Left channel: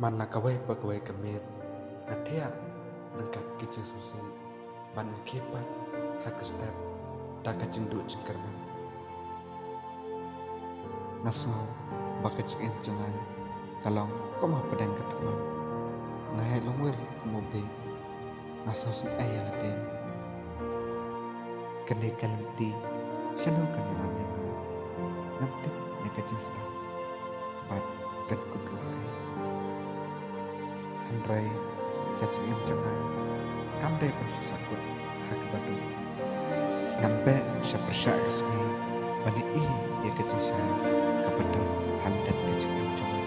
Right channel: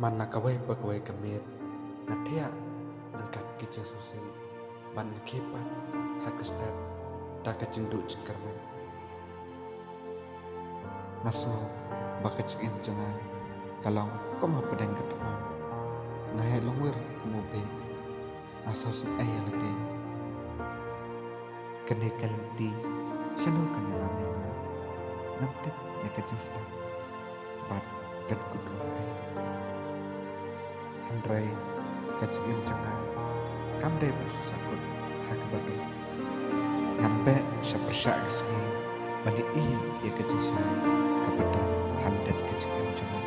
Mana kawai pagawai kamit ngathia nangkat kicing susi ban kepat hak step tak kacing du cengkerman ngaso bakacing em cengai kalong ko ma pedang keteman ngahai longwer mobe ngaso sun ayah laden kene kalenti syano kan yang amnya ngamtip nya kacing step bat kan kudro ai handrai kacing em cengai kamdai pan susakut hak badung ngambe syapersyak kesni bani ya kacing syai kapedan handat kacing em cengai